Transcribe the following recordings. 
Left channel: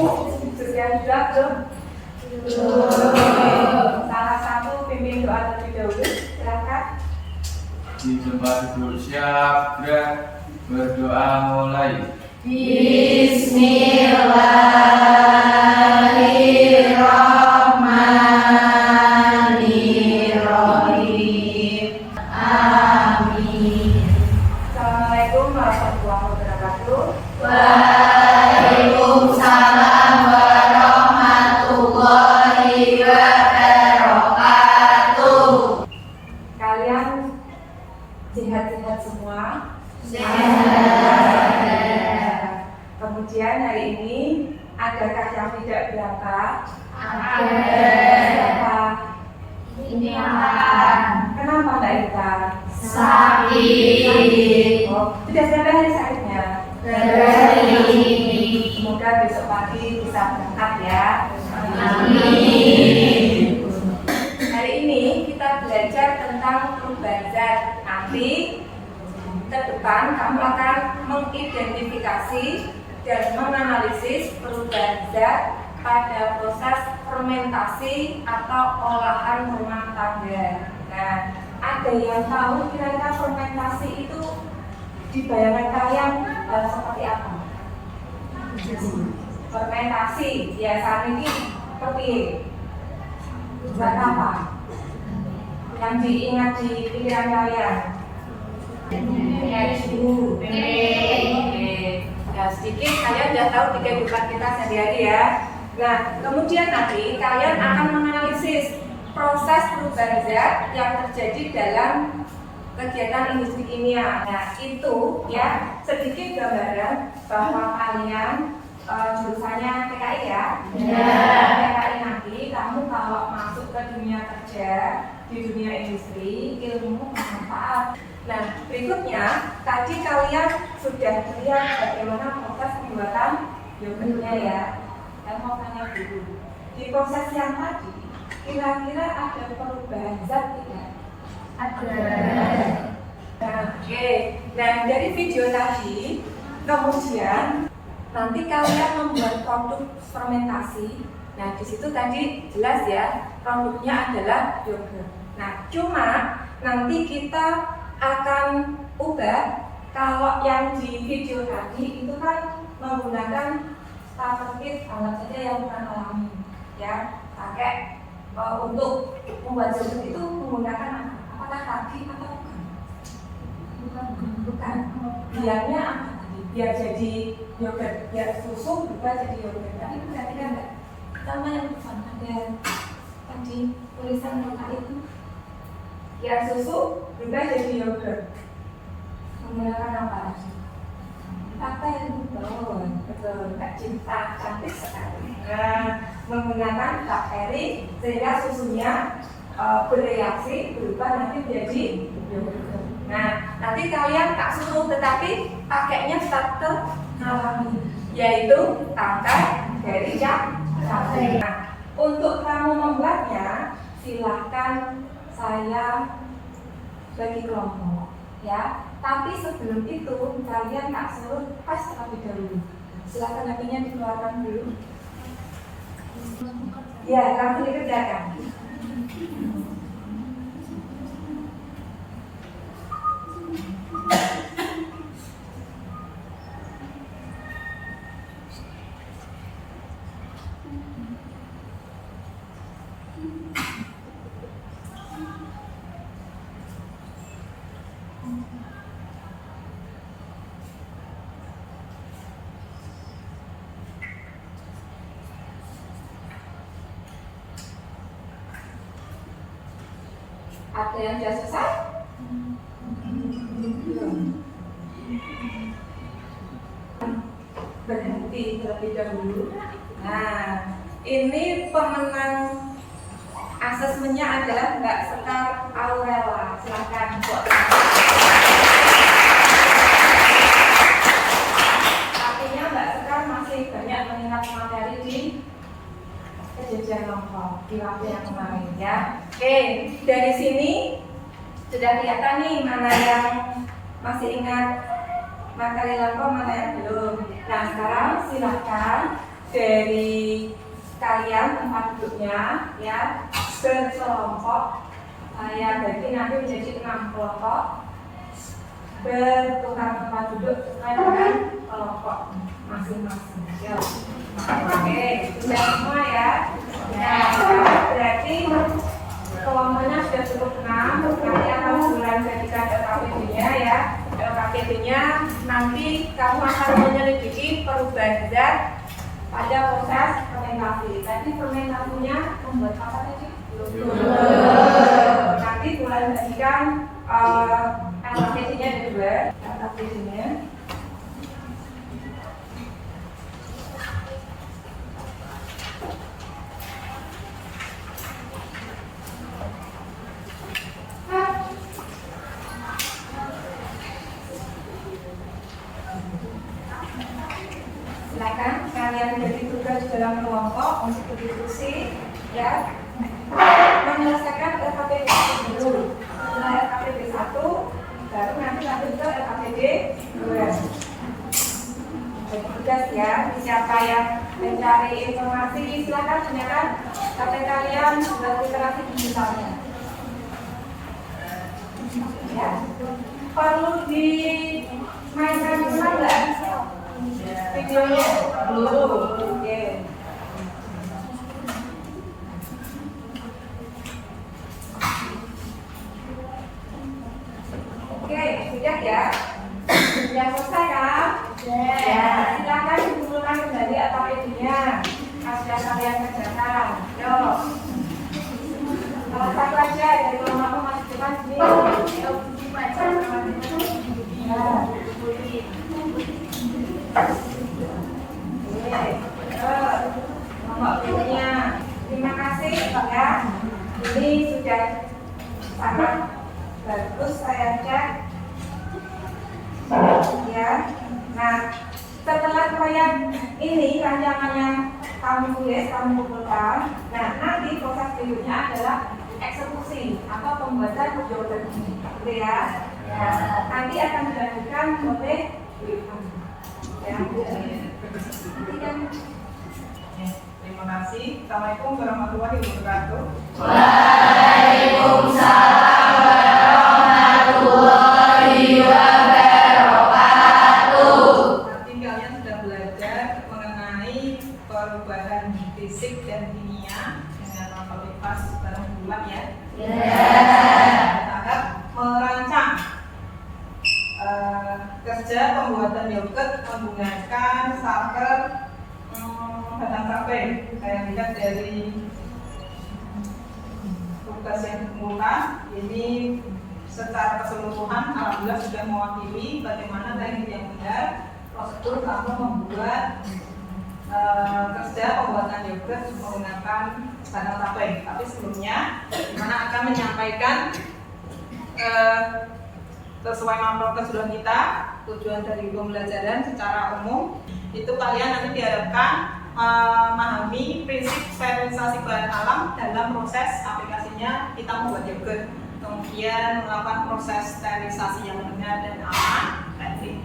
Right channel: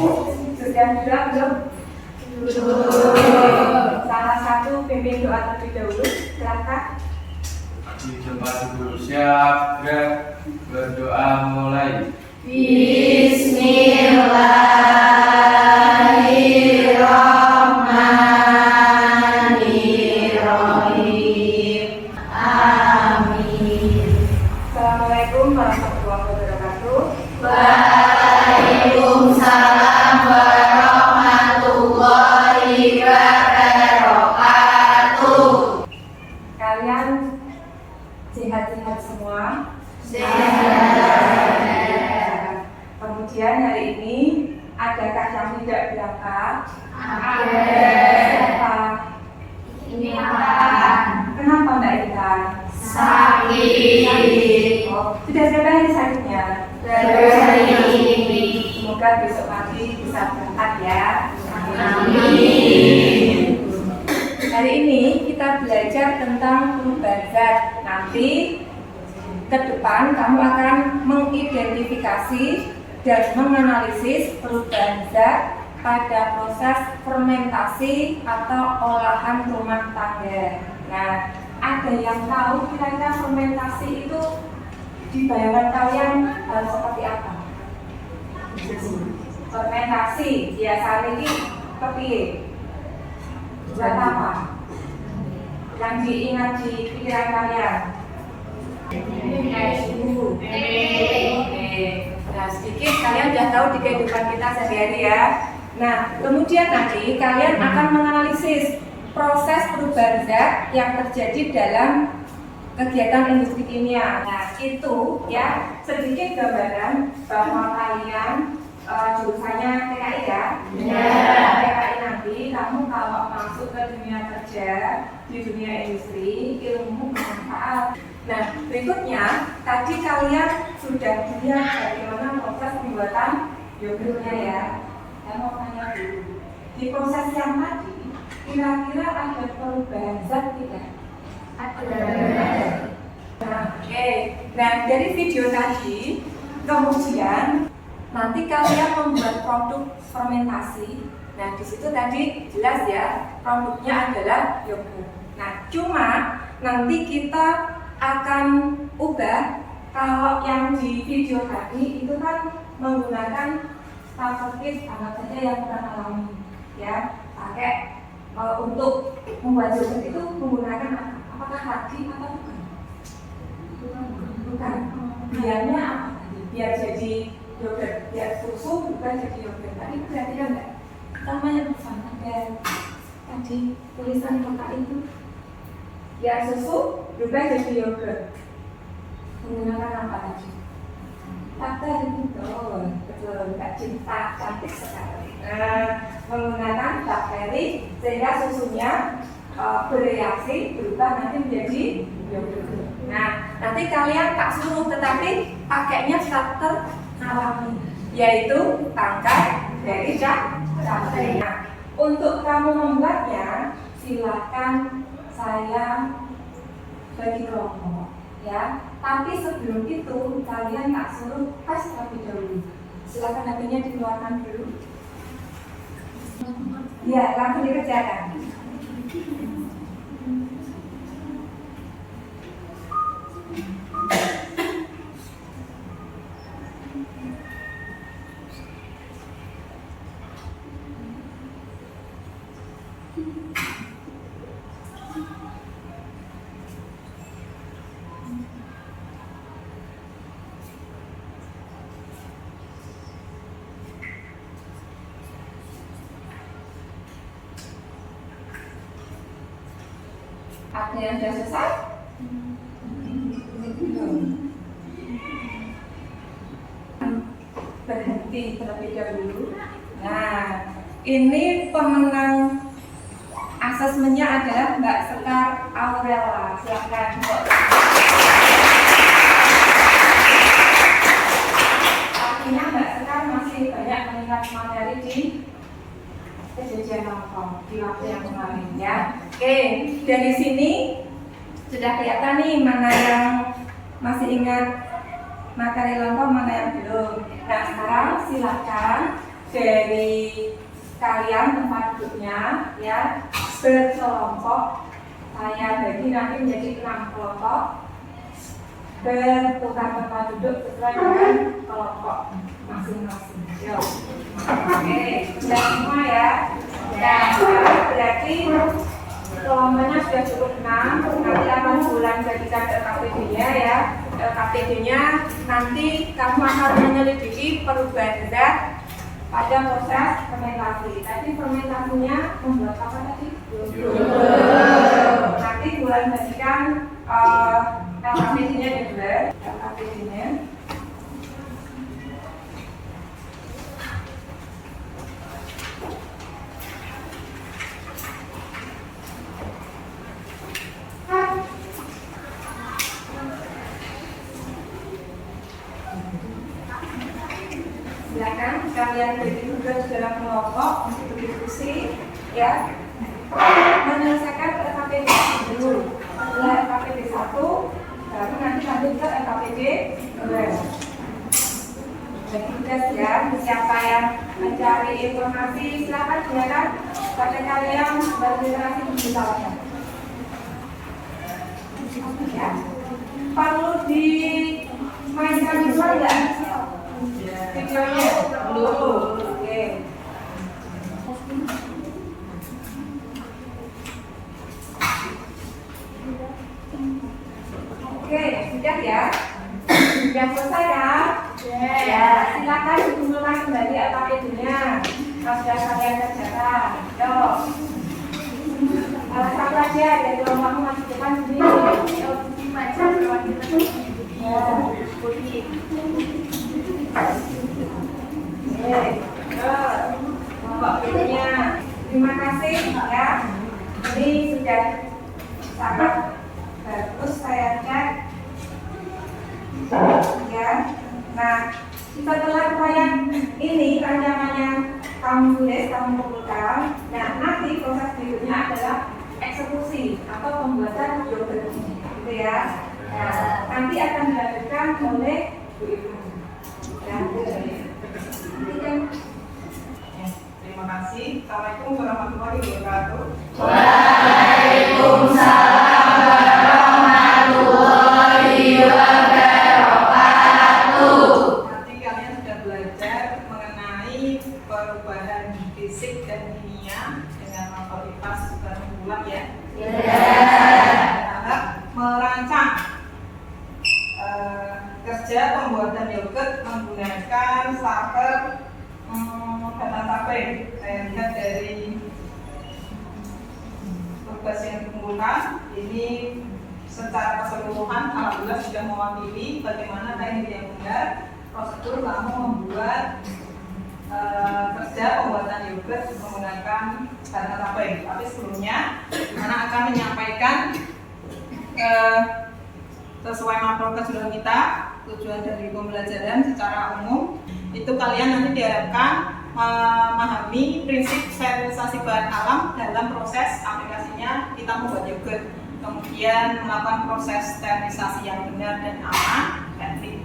Sudah belum? Salah satu pimpin doa terlebih dahulu, silakan. Di tempat duduk siap, gerak, berdoa mulai. Bismillahirrahmanirrahim. Amin. Assalamualaikum warahmatullahi wabarakatuh. Waalaikumsalam warahmatullahi wabarakatuh. Kalian sehat-sehat semua? Sehat. Kemudian hari ini adakah yang tidak berangkat? Ada. Siapa? Ini Pak. Kenapa Mbak Ita? Sakit. Oh, sudah berapa hari sakitnya? Hari. Semoga besok pagi bisa berangkat ya. Amin. Hari ini kita belajar tentang perubahan zat. Nanti ke depan kamu akan mengidentifikasi dan menganalisis perubahan zat pada proses fermentasi atau olahan rumah tangga. Nah, ada yang tahu kira-kira fermentasi itu di bayangan kalian seperti apa? Fermentasi biasanya ini seperti buat apa? Yang diingat di pikiran kalian? Nah, sedikit kalian sudah tahu di kehidupan kita sehari-hari ya. Nah, kemudian nanti kalian akan menganalisis proses perubahan zat yang terjadi dalam kegiatan industri kimia. Nah, itu ya sedikit gambaran bahwa kalian jurusannya PKI ya. PKI nanti kamu kalau masuk ke dunia kerja di dunia industri, ilmu bermanfaat. Nah, berikutnya tadi kalian sudah melihat bagaimana proses pembuatan yogurtnya ya. Saya mau tanya dulu, di proses yang tadi kira-kira ada perubahan zat tidak? Ada. Nah, oke. Nah, dari video tadi kemudian nanti kalian membuat produk fermentasi. Nah, di situ tadi jelas ya, produknya adalah yogurt. Nah, cuma nanti kita akan ubah. Kalau yang di video tadi itu kan menggunakan starter kit, alat saja yang bukan alami ya, pakai untuk membuat yogurt itu menggunakan apakah ragi atau bukan? Bukan. Biarnya apa tadi? Biar jadi yogurt, biar susu berubah jadi yogurt. Tadi berarti kan enggak? Sama yang pesan ada tadi tulisan lokal itu. Biar susu berubah jadi yogurt. Menggunakan apa tadi? Bakteri, betul, Mbak Cinta, cantik sekali. Nah, menggunakan bakteri sehingga susunya bereaksi berubah nanti menjadi yogurt. Nah, nanti kalian tak suruh tetapi pakainya starter alami, yaitu tangkai dari cabai. Nah, untuk kamu membuatnya silahkan saya bagi kelompok ya. Tapi sebelum itu kalian tak suruh tes terlebih dahulu. Silakan HP-nya dikeluarkan dulu. Ya, langsung dikerjakan. Ada yang sudah selesai? Berhenti terlebih dahulu. Nah, ini pemenang asesmennya adalah Mbak Sekar Aurela. Silahkan. Artinya Mbak Sekar masih banyak mengingat materi di kejadian nongkrong di waktu yang kemarin ya. Oke, dari sini sudah kelihatan nih mana yang masih ingat materi lampau, mana yang belum. Nah, sekarang silahkan dari kalian tempat duduknya ya berkelompok. Saya bagi nanti menjadi 6 kelompok, bertukar tempat duduk sesuai dengan kelompok masing-masing. Yo. Oke, sudah semua ya. Nah, berarti kelompoknya sudah cukup 6. Nanti akan bulan jadikan LKPD-nya ya. LKPD-nya nanti kamu akan menyelidiki perubahan zat pada proses fermentasi. Tadi fermentasinya membuat apa tadi? Nanti bulan jadikan LKPD-nya ada 2. LKPD-nya silakan kalian bagi tugas dalam kelompok untuk berdiskusi ya, menyelesaikan LKPD dulu. Setelah LKPD 1 baru nanti lanjut ke LKPD 2. Bagi tugas ya, siapa yang mencari informasi silakan gunakan sampai kalian berliterasi digitalnya ya. Perlu dimainkan juga enggak? Videonya dulu. Oke. Oke, sudah ya. Sudah selesai kan? Ya. Silakan dikumpulkan kembali LKPD-nya. Sudah kalian kerjakan. Yo. Salah satu aja dari kelompokmu masih depan sini. Kelompok berikutnya. Terima kasih ya. Ini sudah sangat bagus saya cek. Ya. Nah, setelah proyek ini rancangan yang kamu tulis, kamu kumpulkan. Nah, nanti proses berikutnya adalah eksekusi atau pembuatan jawaban ini, gitu ya. Nah, nanti akan dilanjutkan oleh ya. Terima kasih. Assalamualaikum warahmatullahi wabarakatuh. Waalaikumsalam warahmatullahi wabarakatuh. Nanti kalian sudah belajar mengenai perubahan fisik dan kimia dengan matematika bareng bulan ya. Tahap merancang kerja pembuatan yogurt menggunakan starter batang tape. Saya lihat dari tugas yang dikumpulkan ini secara keseluruhan alhamdulillah sudah mewakili bagaimana teknik yang benar prosedur kamu membuat kerja pembuatan yogurt menggunakan batang tape. Tapi sebelumnya mana akan menyampaikan sesuai materi keseluruhan kita, tujuan dari pembelajaran secara umum itu kalian nanti diharapkan memahami prinsip sterilisasi bahan alam dalam proses aplikasinya kita membuat yogurt, kemudian melakukan proses sterilisasi yang benar dan aman, teknik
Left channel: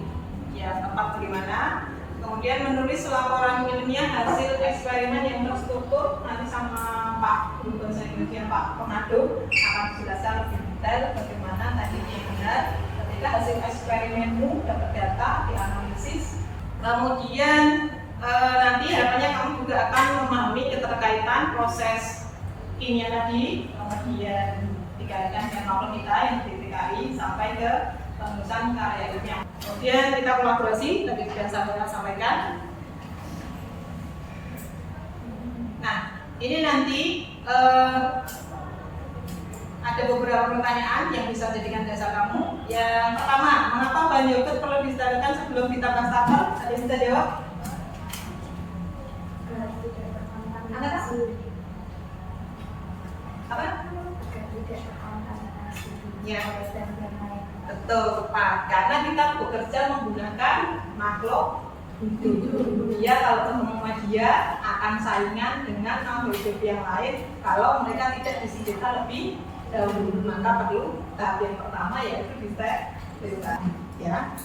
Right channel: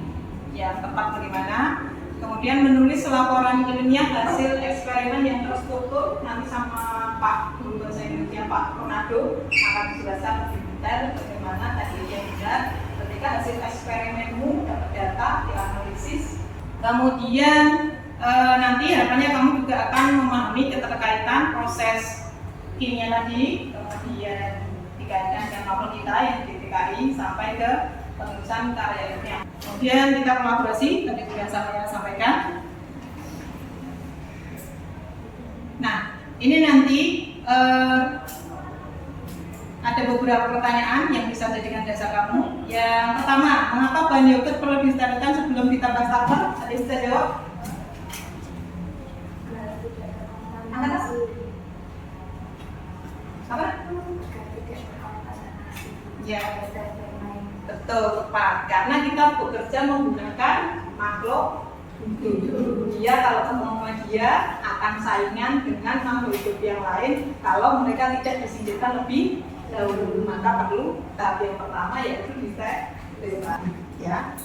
yang tepat bagaimana, kemudian menulis laporan ilmiah hasil eksperimen yang terstruktur. Nanti sama Pak Guru Bahasa Indonesia Pak Ronaldo akan dijelaskan lebih detail bagaimana teknik yang benar ketika hasil eksperimenmu dapat data dianalisis. Kemudian nanti harapannya kamu juga akan memahami keterkaitan proses kimia tadi, kemudian dikaitkan dengan novel kita yang di DKI sampai ke penulisan karya ilmiah. Kemudian kita kolaborasi tadi sudah saya sampaikan. Nah, ini nanti ada beberapa pertanyaan yang bisa jadikan dasar kamu. Yang pertama, mengapa bahan yogurt perlu disterilkan sebelum ditambah starter? Ada yang bisa jawab? Apa? Ya, betul Pak. Karena kita bekerja menggunakan makhluk hidup. Dia kalau ketemu dia akan saingan dengan makhluk hidup yang lain. Kalau mereka tidak disingkirkan lebih dahulu, maka perlu tahap yang pertama yaitu disterilkan. Ya.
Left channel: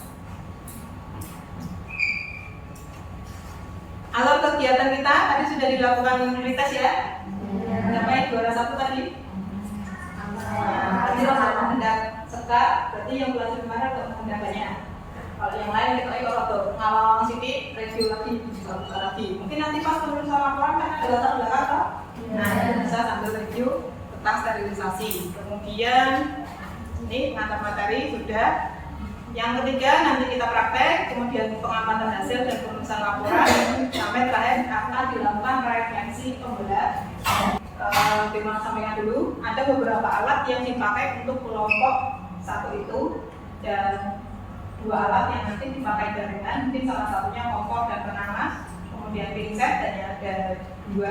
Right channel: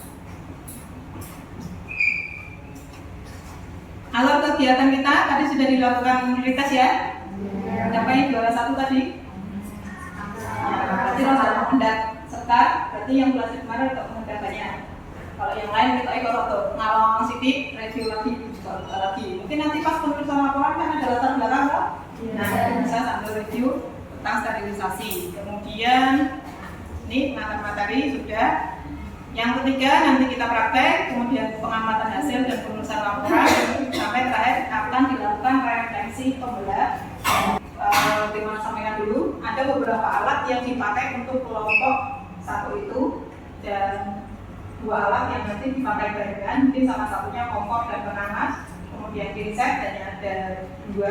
Alat kegiatan kita tadi sudah dilakukan retest ya. Berapa yang juara 1 tadi? Berarti harus ada pengendak serta, berarti yang bulan kemarin ada pengendak banyak. Kalau yang lain kita ikut tuh, kalau sidik review lagi, juga buka lagi. Mungkin nanti pas penulisan laporan kan ada latar belakang kan? Nah, bisa sambil review tentang sterilisasi. Kemudian ini pengantar materi sudah. Yang ketiga nanti kita praktek, kemudian pengamatan hasil dan penulisan laporan, sampai terakhir akan dilakukan referensi pembelah. Terima sampaikan dulu, ada beberapa alat yang dipakai untuk kelompok 1 itu dan 2 alat yang nanti dipakai barengan, mungkin salah satunya kompor dan penanas, kemudian pinset dan ada 2,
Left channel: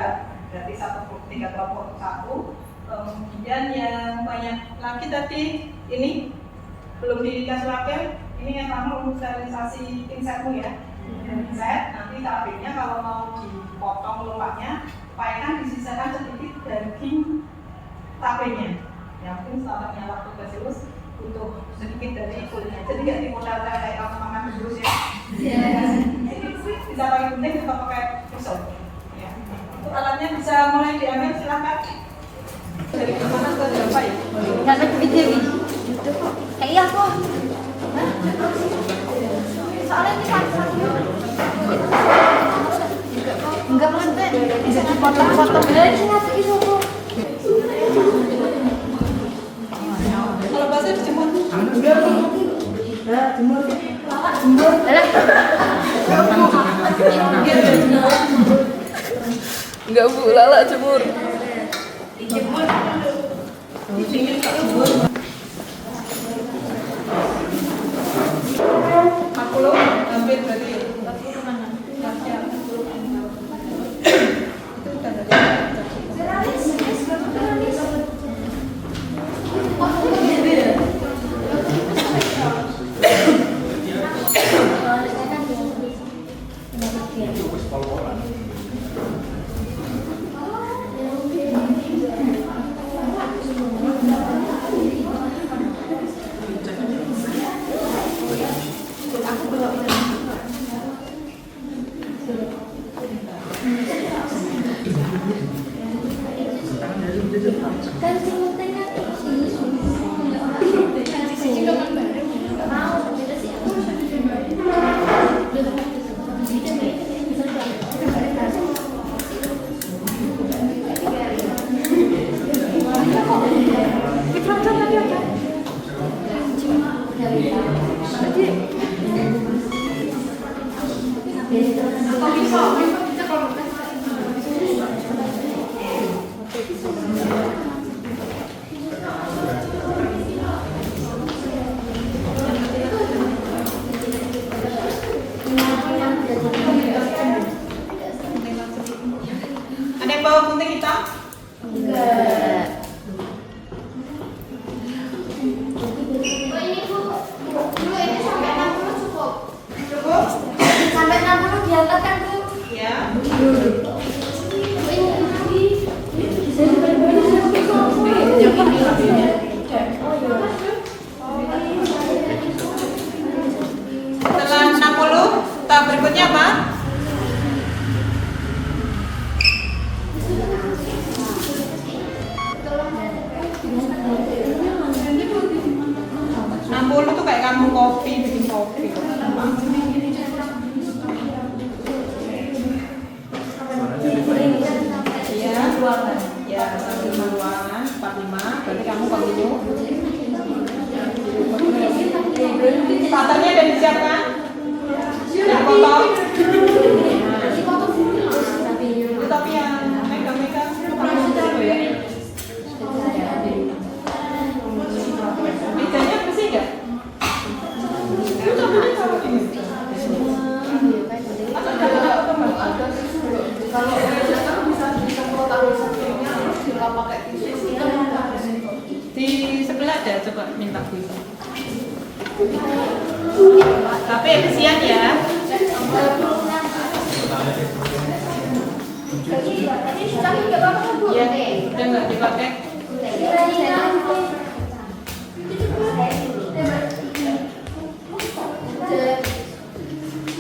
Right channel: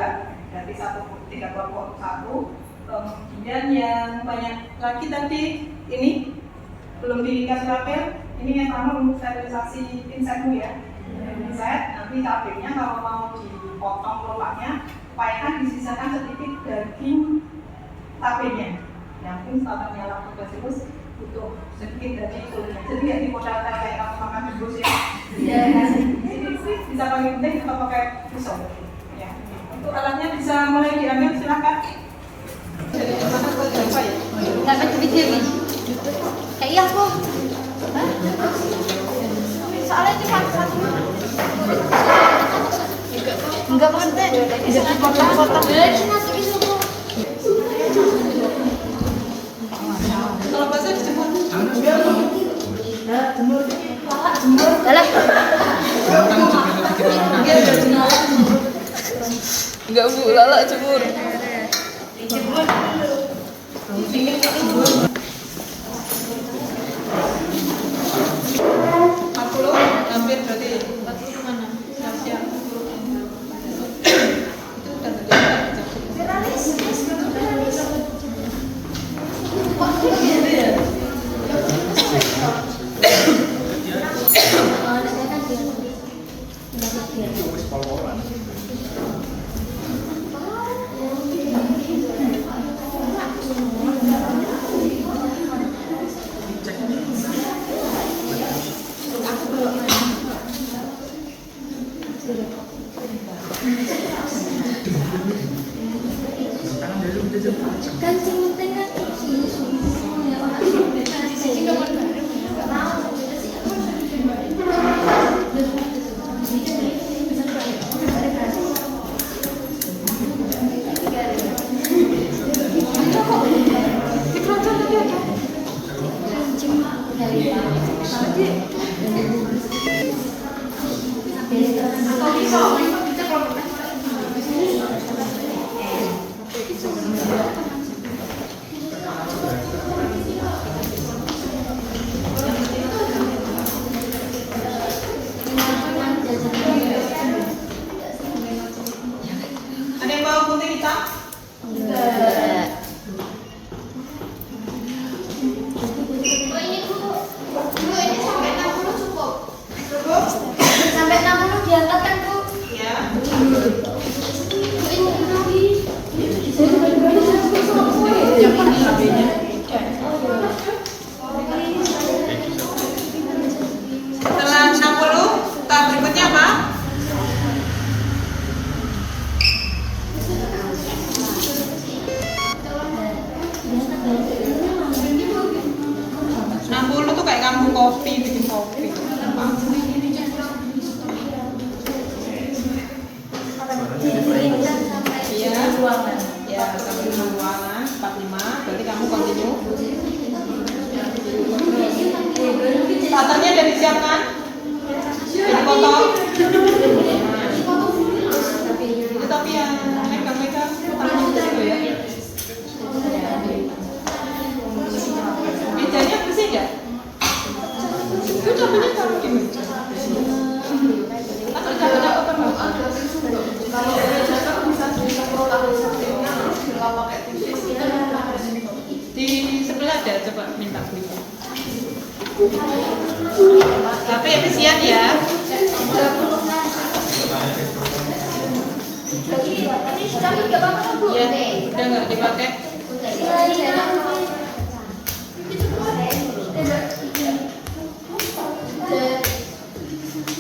berarti 3 kelompok 1. Kemudian yang banyak lagi tadi ini belum dikasih wakil, ini yang pertama untuk sterilisasi pinsetmu ya. Pinset, nanti cabenya kalau mau dipotong lelaknya, upayakan disisakan sedikit daging tapenya. Yang mungkin standarnya waktu basilus butuh sedikit dari kulitnya. Jadi nggak dimodal kayak kamu makan bubus ya. Bisa pakai gunting atau pakai pisau. Ya. Untuk alatnya bisa mulai diambil, silakan. Dapat video ini. Iya kok. Soalnya ini enggak konten. Bisa dipotong-potong. Cuma segitu. Kalau bahasa dijemur. Enggak Bu, Lala jemur. Hampir berarti 40 kemana? Siap-siap. Itu udah Ada yang bawa gunting hitam? Cukup? Sampai 60 diangkat kan Bu? Ya. Yang ini labelnya. Setelah 60, tahap berikutnya apa? Tuh kayak kamu kopi, bikin kopi. Iya, ya sampai ruangan 45, berarti kamu continue. Paternya udah disiapkan? Dipotong? Itu tapi yang megang-megang tangan dulu ya. Mejanya bersih nggak? Itu cabenya taruh di meja. Atau cabenya apa? Di sebelah ada, coba minta gue. Tapi efisien ya. Ya, udah nggak dipakai.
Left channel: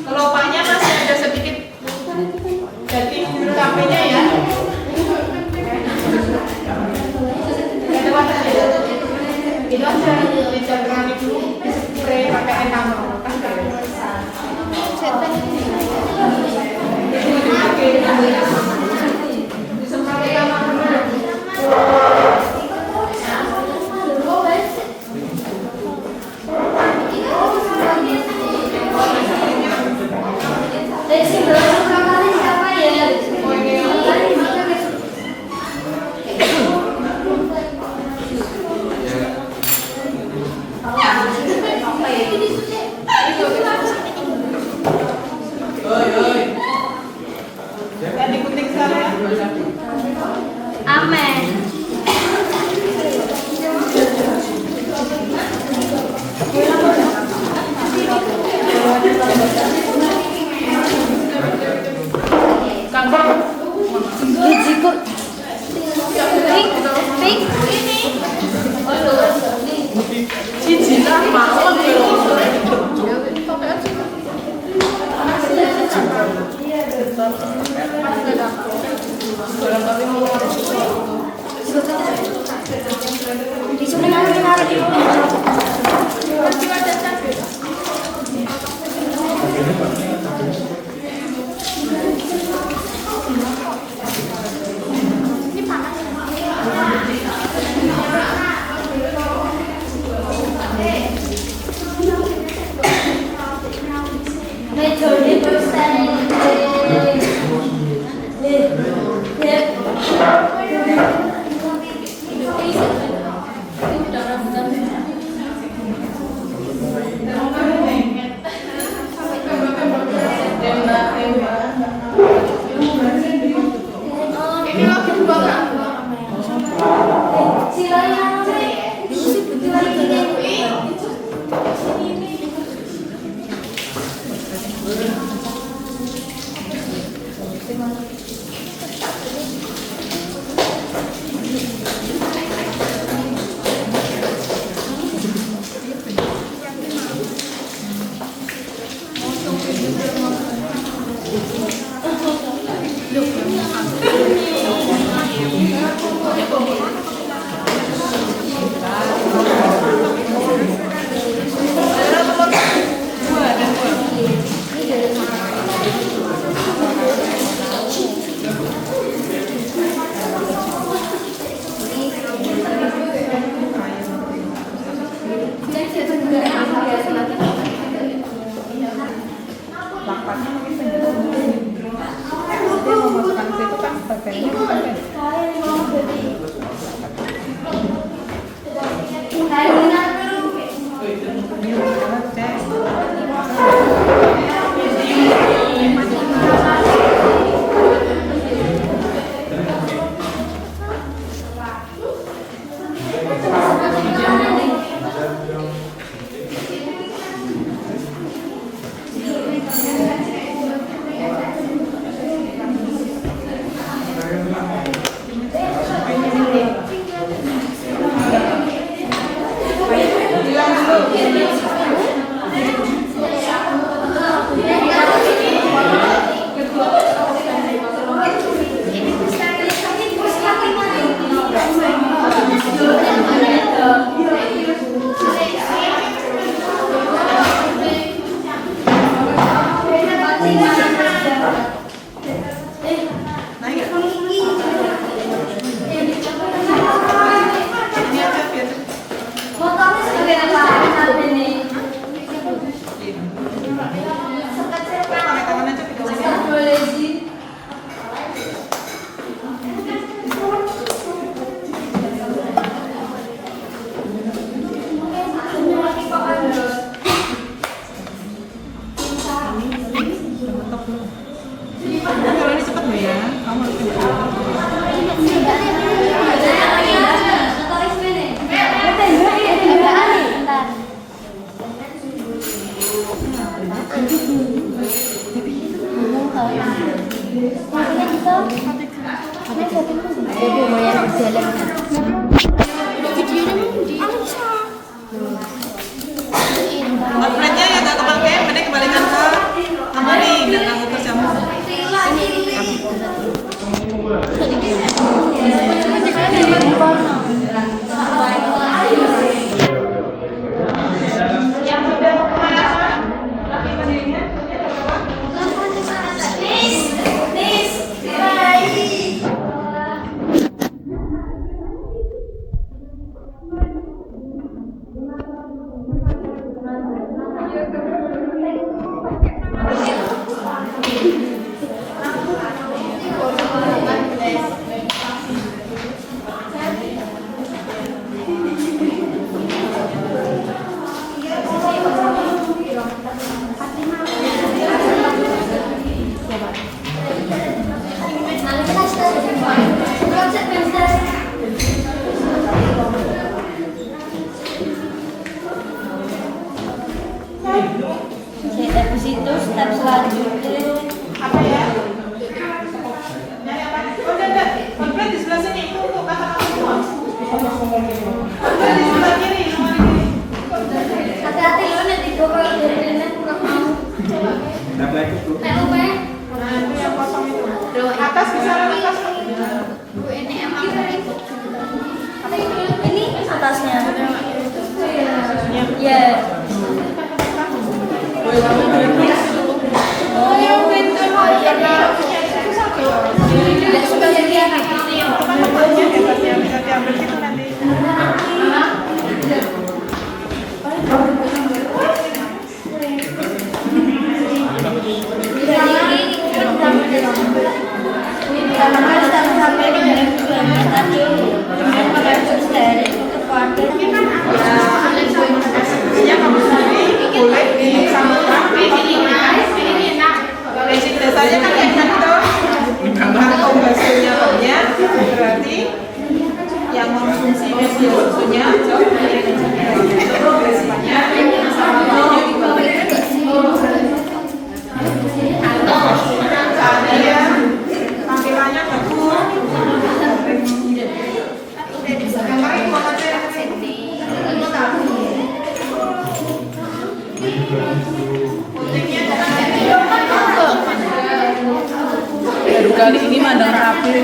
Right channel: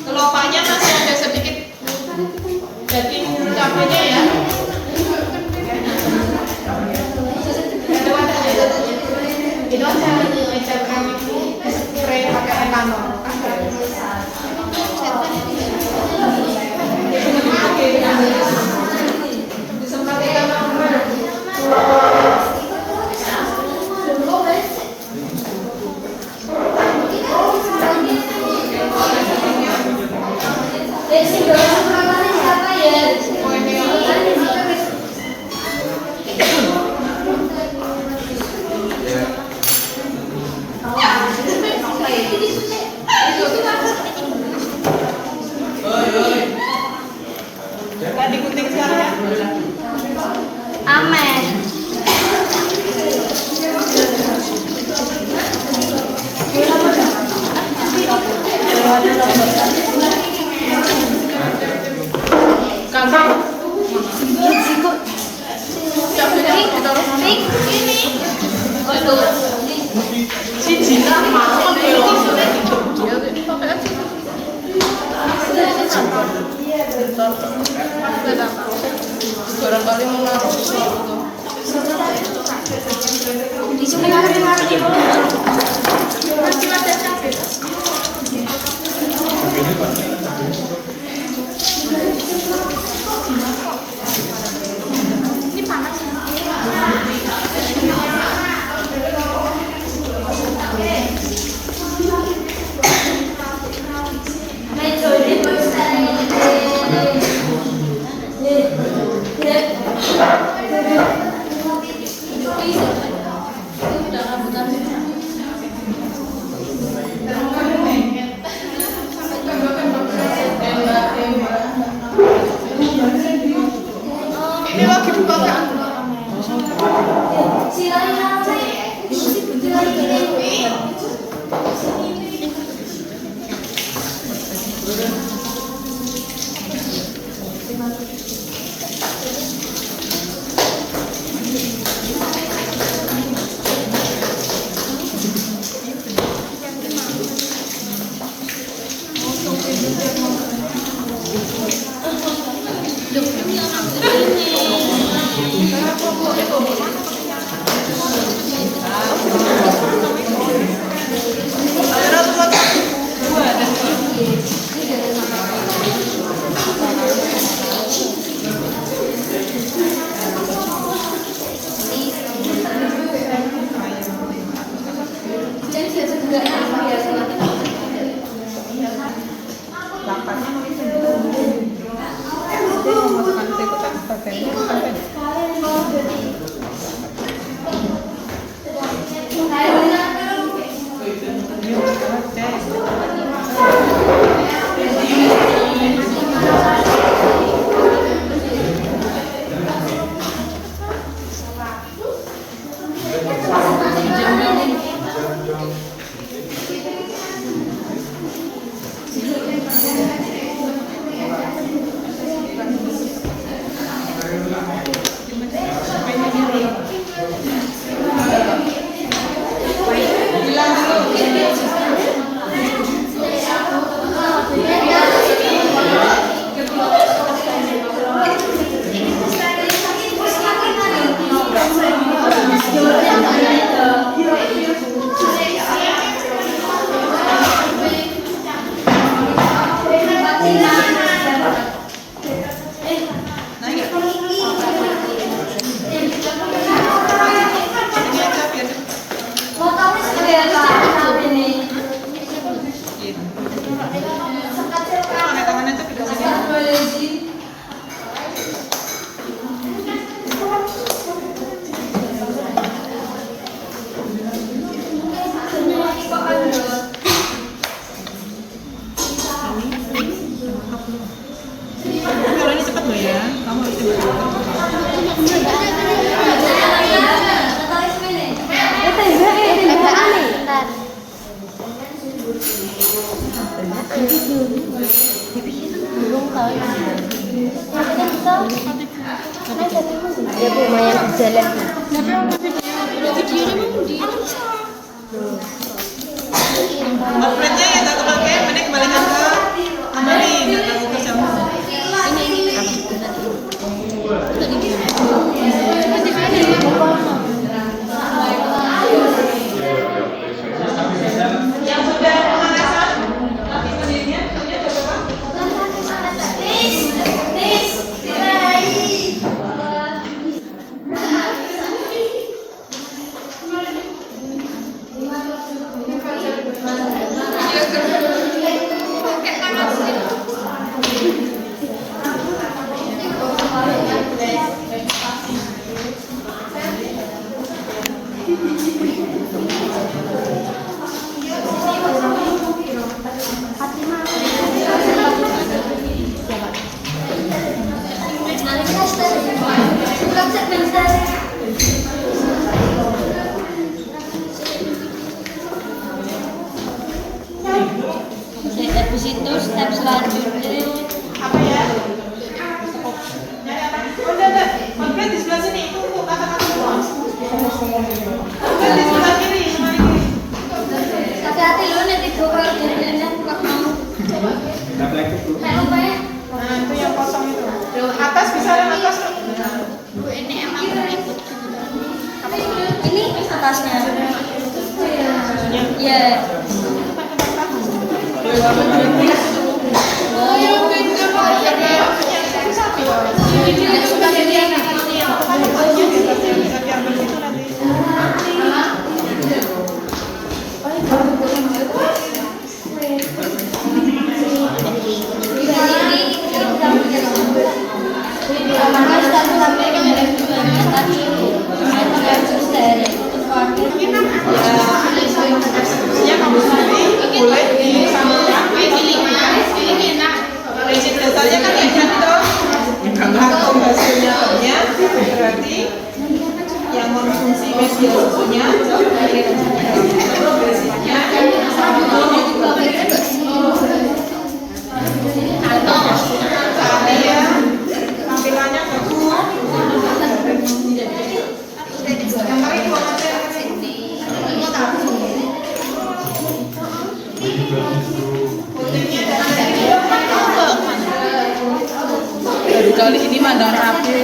Kelopaknya masih ada sedikit daging cat keramik ini spray pakai enamel. Tadi gunting sekarang ya? Amen. Barangkali mau naruh Ini panas. ini lagi buka nggak? Dia mau masukkan ke situ kan bagiannya bukan pendek. Pakai tangan aja ke sini. Kalau ini cepat loh ya, kamu harus cepat. Jadi lumayan jalan. Outletnya yang nggak kepake, mending kembalikan ke lemari, nggak ganggu kerjamu. Habis itu step selanjutnya Apa ya? Nyari apa? Oh, enggak. Konflik di sebelah sini. Itu untuk kata-kata semua. Konflik di sebelah kiri, semuanya kiri. hati-hati lo nanti gue kalau dari net nggak mau. Nggak lupa ya. Nah, itu yang kosong itu. Atas bisa atas. Bu ini emang ikut. Ini atasnya. Iya. Boleh disamakan basic dasarnya kan kayak gitu atau hasilnya banyak berarti yang mengonsumsi media susunya jauh dari banyak seandainya tampilannya bagus baru kali ini mandang rapi.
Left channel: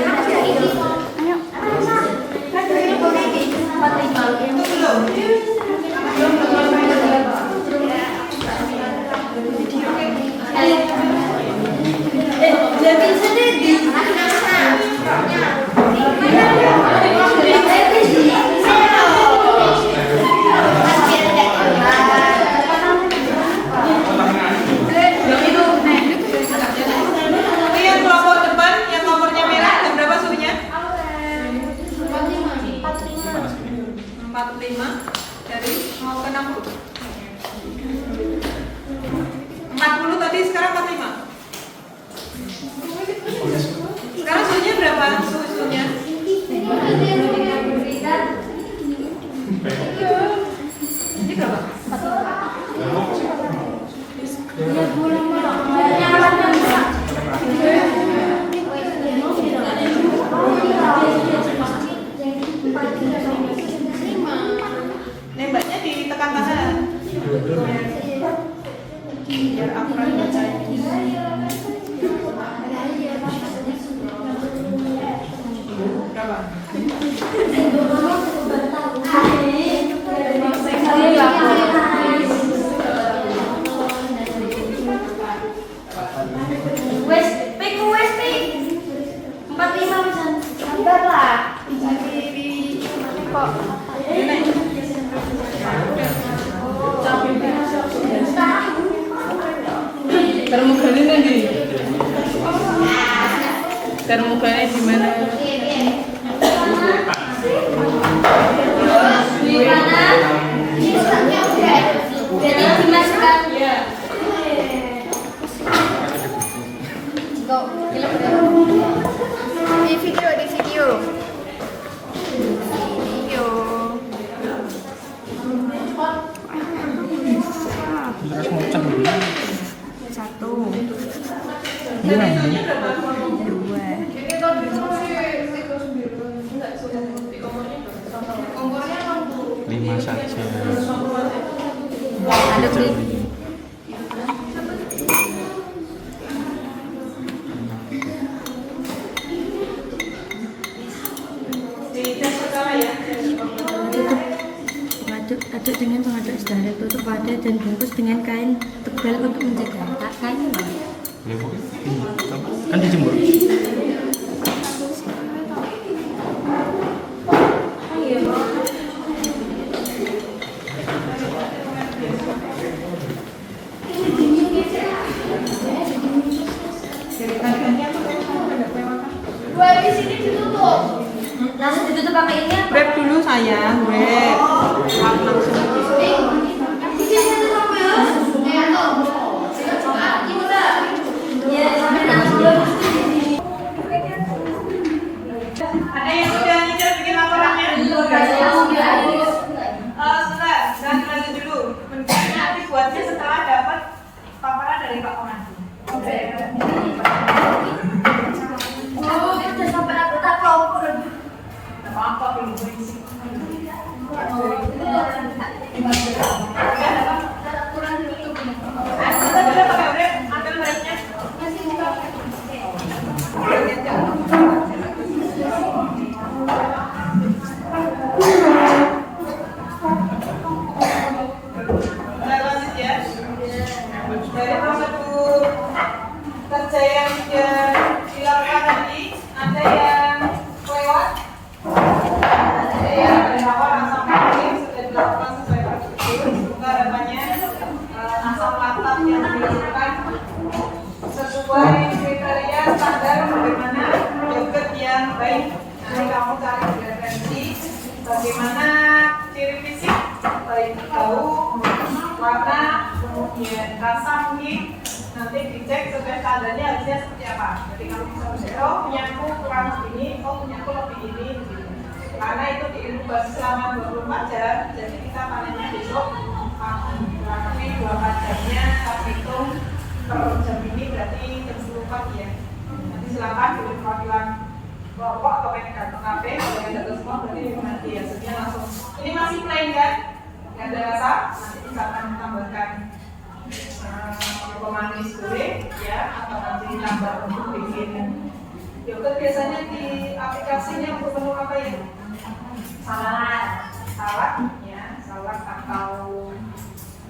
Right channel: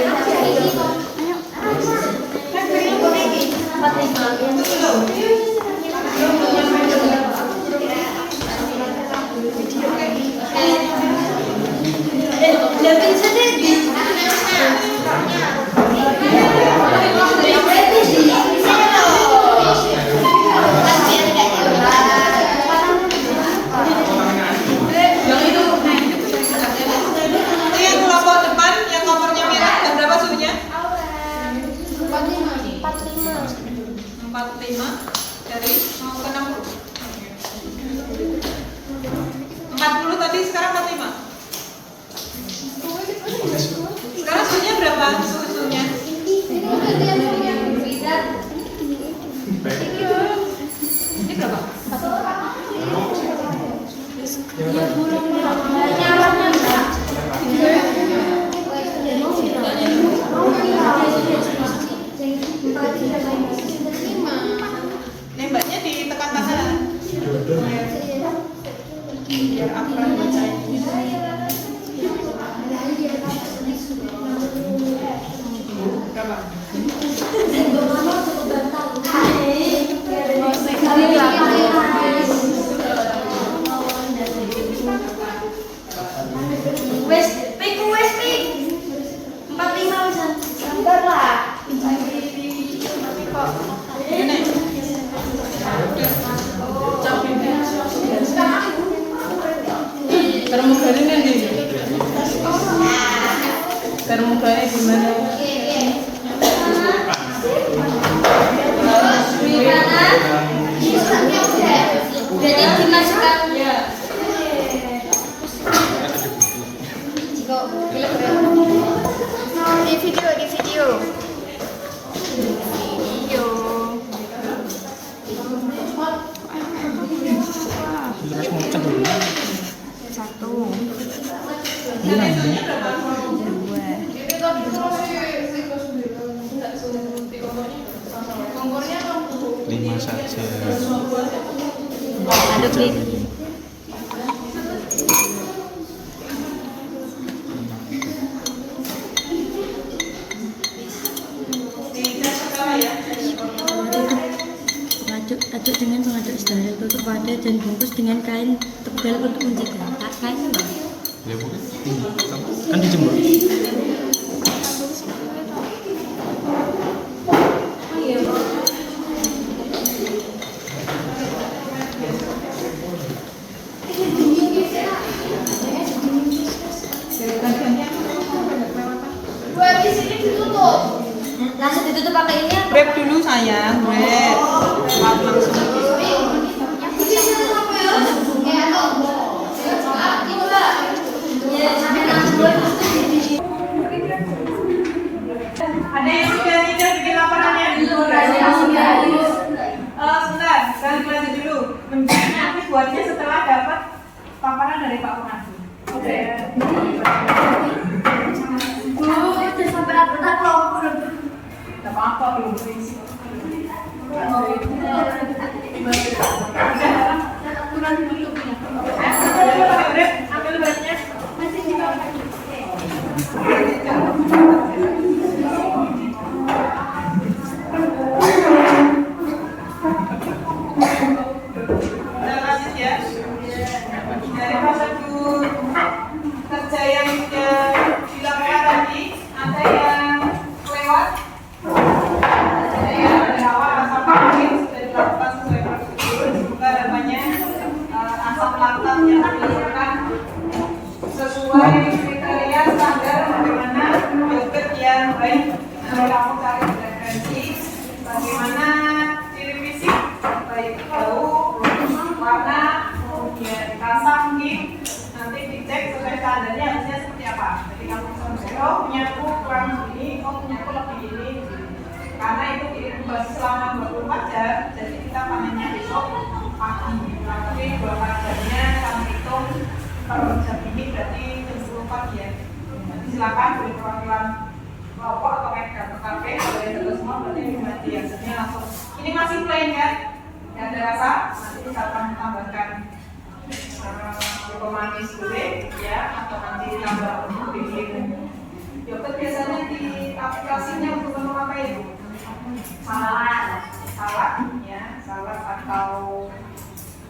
Ini kelompok depan yang nomornya merah dan berapa suhunya? 45 dari mau ke 60. 40 tadi sekarang 45. Sekarang suhunya berapa? Suhunya? Ini berapa? Nembaknya ditekan kanan. Wes, pik. 45 sabar lah. Termugane nanti. Termugane di mana? Jadi dimasukkan. Di video. Satu. Dua. Lima saja. Aduk di. Aduk dengan pengaduk sedarah, tutup wadah dan bungkus dengan kain tebal untuk mencegah kain. Kan dijemur. Langsung ditutup pakai ini. Wrap dulu sayang, wrap. Langsung. Ada yang standarnya harusnya seperti apa. Jadi kamu bisa misalnya, oh punyaku kurang begini, oh punyaku lebih ini. Karena itu diinkubasi selama 24 jam, jadi kita panennya besok pagi. Tapi 24 jamnya kita hitung kalau jam ini berarti jam 10 pagi ya. Nanti silakan boleh perwakilan kelompok atau kafe kalau yang ada semua berarti nanti hasilnya langsung. Ini masih plain kan? Yang ada rasa nanti kita akan tambahkan pemanis gulai ya, atau nanti tambah untuk bikin yogurt. Biasanya di aplikasinya untuk apa ya? Salad ya, salad atau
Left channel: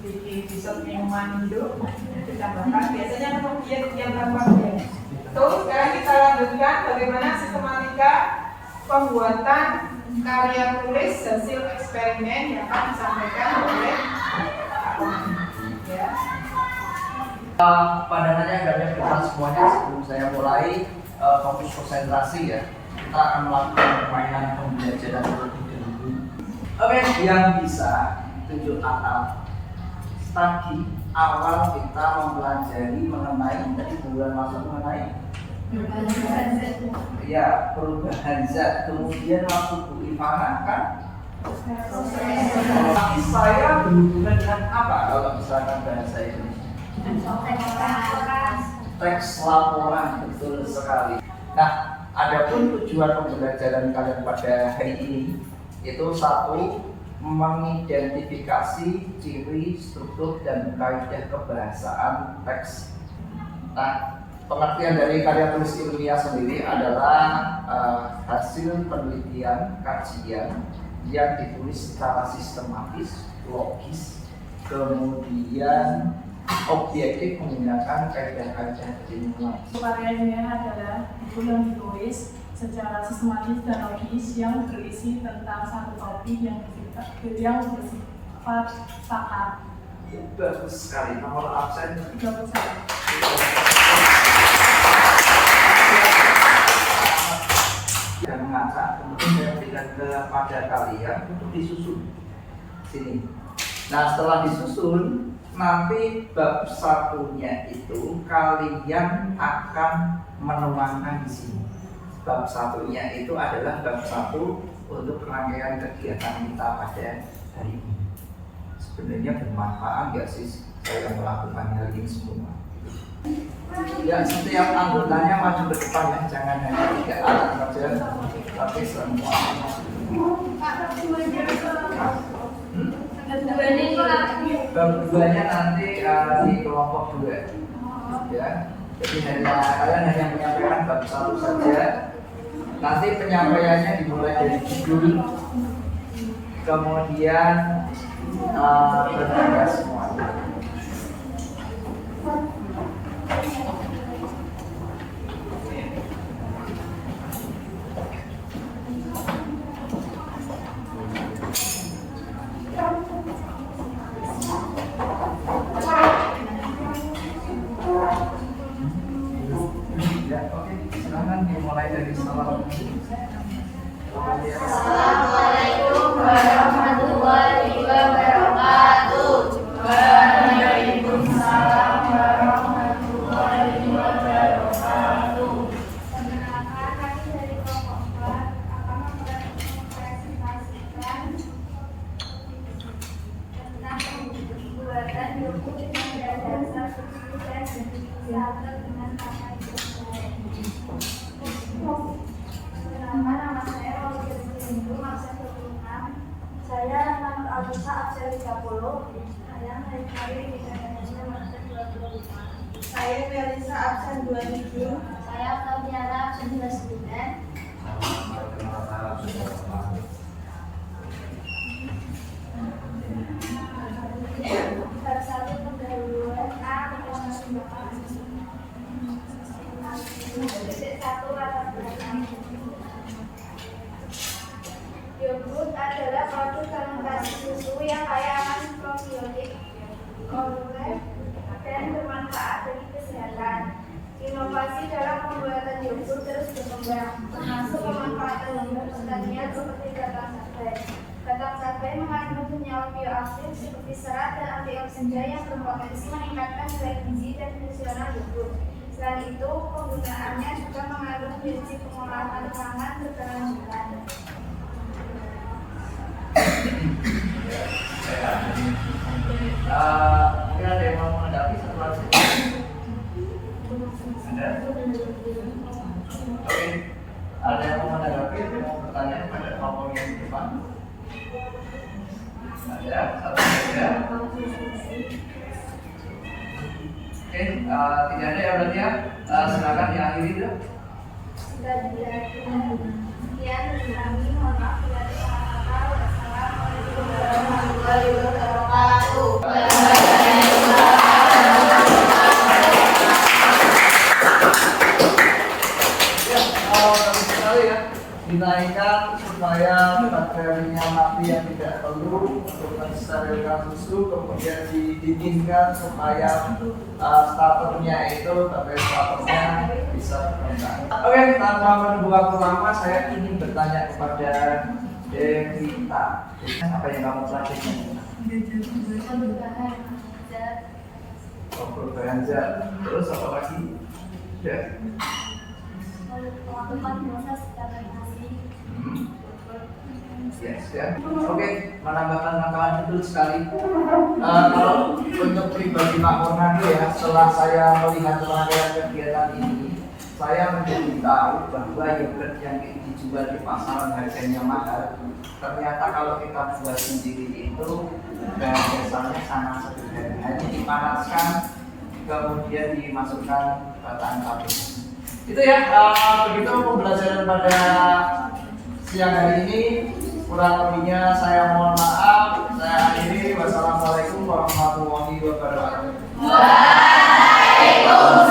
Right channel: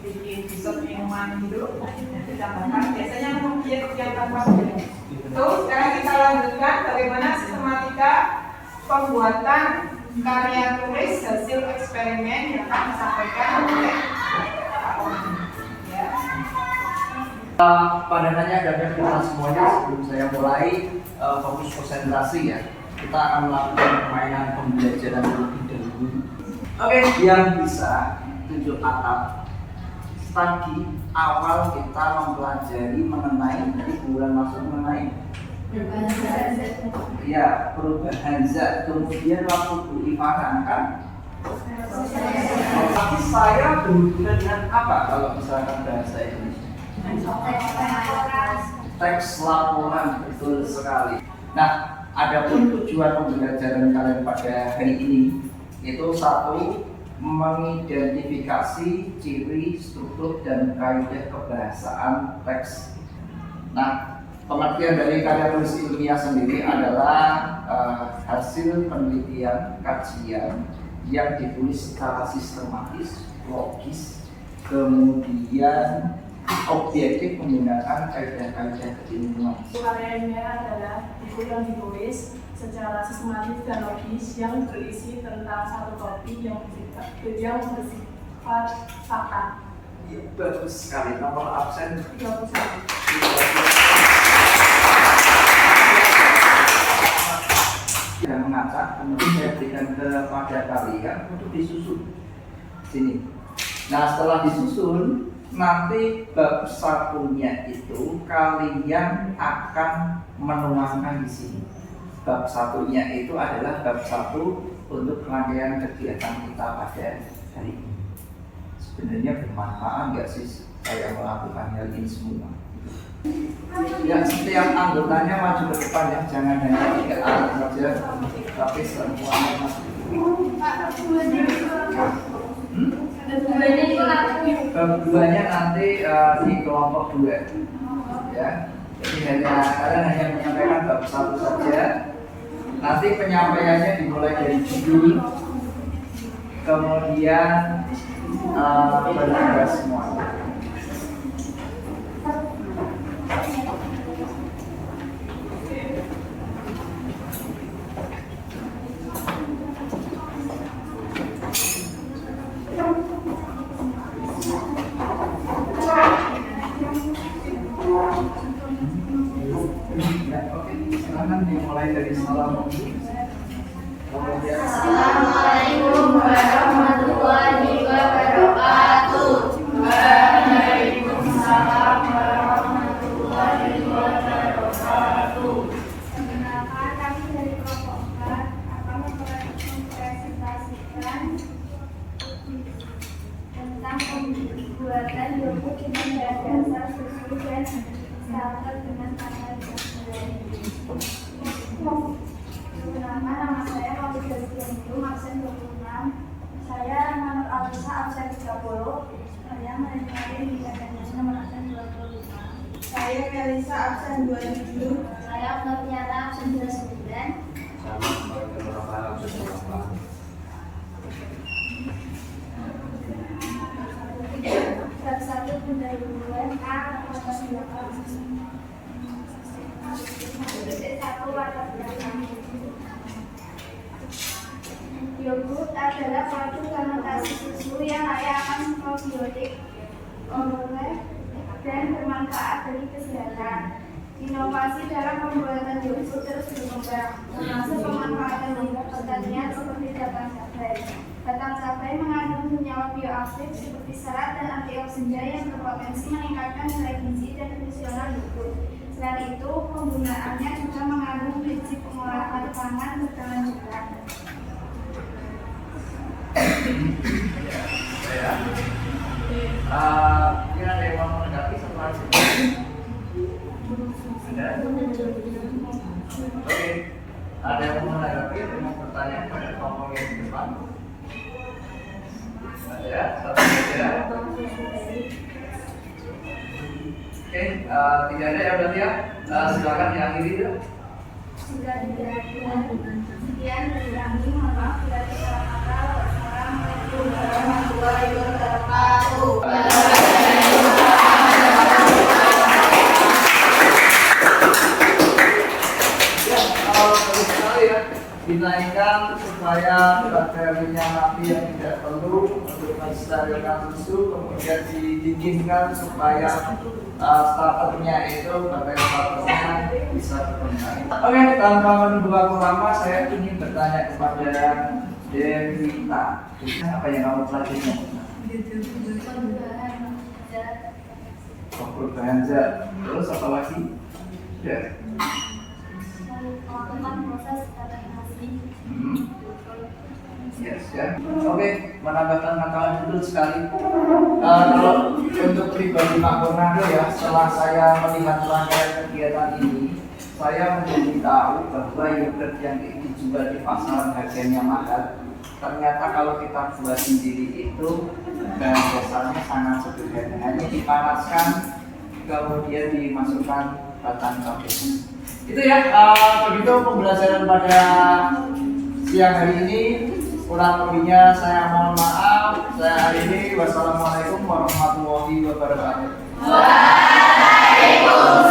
bikin dessert minuman gitu ditambahkan. Biasanya untuk biar berapa ya. Terus sekarang kita lanjutkan bagaimana sistematika pembuatan karya tulis hasil eksperimen yang akan disampaikan oleh Pak Om. Ya. Pada nanya dan kita semuanya, sebelum saya mulai fokus konsentrasi ya, kita akan melakukan permainan pembelajaran terlebih dahulu. Oke, yang bisa tunjuk atap. Tadi awal kita mempelajari mengenai tadi bulan maksud mengenai ya perubahan zat. Kemudian waktu Bu Ivana kan tapi saya berhubungan dengan apa kalau misalkan bahasa Indonesia? Teks laporan, betul sekali. Nah, adapun tujuan pembelajaran kalian pada hari ini itu satu, mengidentifikasi ciri, struktur, dan kaidah kebahasaan teks. Nah, pengertian dari karya tulis ilmiah sendiri adalah hasil penelitian, kajian yang ditulis secara sistematis, logis, kemudian objektif menggunakan kaidah-kaidah ilmiah. Karya ilmiah adalah buku yang ditulis secara sistematis dan logis yang berisi tentang satu topik yang bersifat fakta. Ya, bagus sekali. Nomor absen 31. Dan mengacak, kemudian saya berikan kepada kalian untuk disusun sini. Nah, setelah disusun, nanti bab satunya itu kalian akan menuangkan di sini. Bab satunya itu adalah bab satu untuk rangkaian kegiatan kita pada hari ini. Sebenarnya bermanfaat nggak sih saya melakukan hal ini semua? Ya, setiap anggotanya maju ke depan ya, jangan hanya 3 anak saja, tapi semuanya maju. Bab 2-nya nanti di kelompok 2 ya. Jadi kalian hanya menyampaikan bab 1 saja. Nanti penyampaiannya dimulai dari judul, kemudian bertugas semuanya. Dimulai dari salam. Assalamualaikum warahmatullahi wabarakatuh. Waalaikumsalam warahmatullahi wabarakatuh. Perkenalkan, kami dari kelompok 4 akan mempresentasikan tentang pembuatan dokumen dasar persetujuan digital dengan kata Perkenalkan, nama saya Maulida Sindung, absen 26. Saya nomor Alisa, absen 30. Saya menikmati di Indonesia, absen 25. Saya Melisa, absen 27. Saya Flaviana, absen 29. Bab 1 pendahuluan A. Yogurt adalah suatu fermentasi susu yang kaya akan probiotik, oleh dan bermanfaat bagi kesehatan. Inovasi dalam pembuatan yogurt terus berkembang, termasuk pemanfaatan limbah pertanian seperti batang cabai. Batang cabai mengandung senyawa bioaktif seperti serat dan antioksidan yang berpotensi meningkatkan nilai gizi dan fungsional yogurt. Selain itu, penggunaannya juga mengandung prinsip pengolahan pangan berkelanjutan. Mungkin ada yang mau menanggapi setelah sini? Ada? Oke. Ada yang mau menanggapi? Ada yang mau bertanya pada kelompok yang di depan? Ada? Satu ada? Oke, tidak ada ya berarti ya? Silakan diakhiri ya. Sudah sekian dari kami, mohon maaf bila ada salah kata. Wassalamualaikum warahmatullahi wabarakatuh. Bagus sekali ya, dinaikkan supaya bakterinya mati yang tidak perlu untuk mensterilkan susu, kemudian didinginkan supaya starternya itu bakteri starternya bisa berkembang. Oke, tanpa menunggu waktu lama, saya ingin bertanya kepada Devita. Apa yang kamu pelajari? Perubahan zat. Terus apa lagi? Ya. Proses fermentasi. Yes, ya. Oke, menambahkan pengetahuan betul sekali. Kalau untuk pribadi Pak Fernando ya, setelah saya melihat rangkaian kegiatan ini, saya menjadi tahu bahwa yogurt yang dijual di pasaran harganya mahal. Ternyata kalau kita buat sendiri itu bahan dasarnya sangat sederhana, hanya dipanaskan, kemudian dimasukkan batang tape. Itu ya, begitu pembelajaran pada siang hari ini. Kurang lebihnya saya mohon maaf. Saya akhiri. Wassalamualaikum warahmatullahi wabarakatuh. Waalaikumsalam.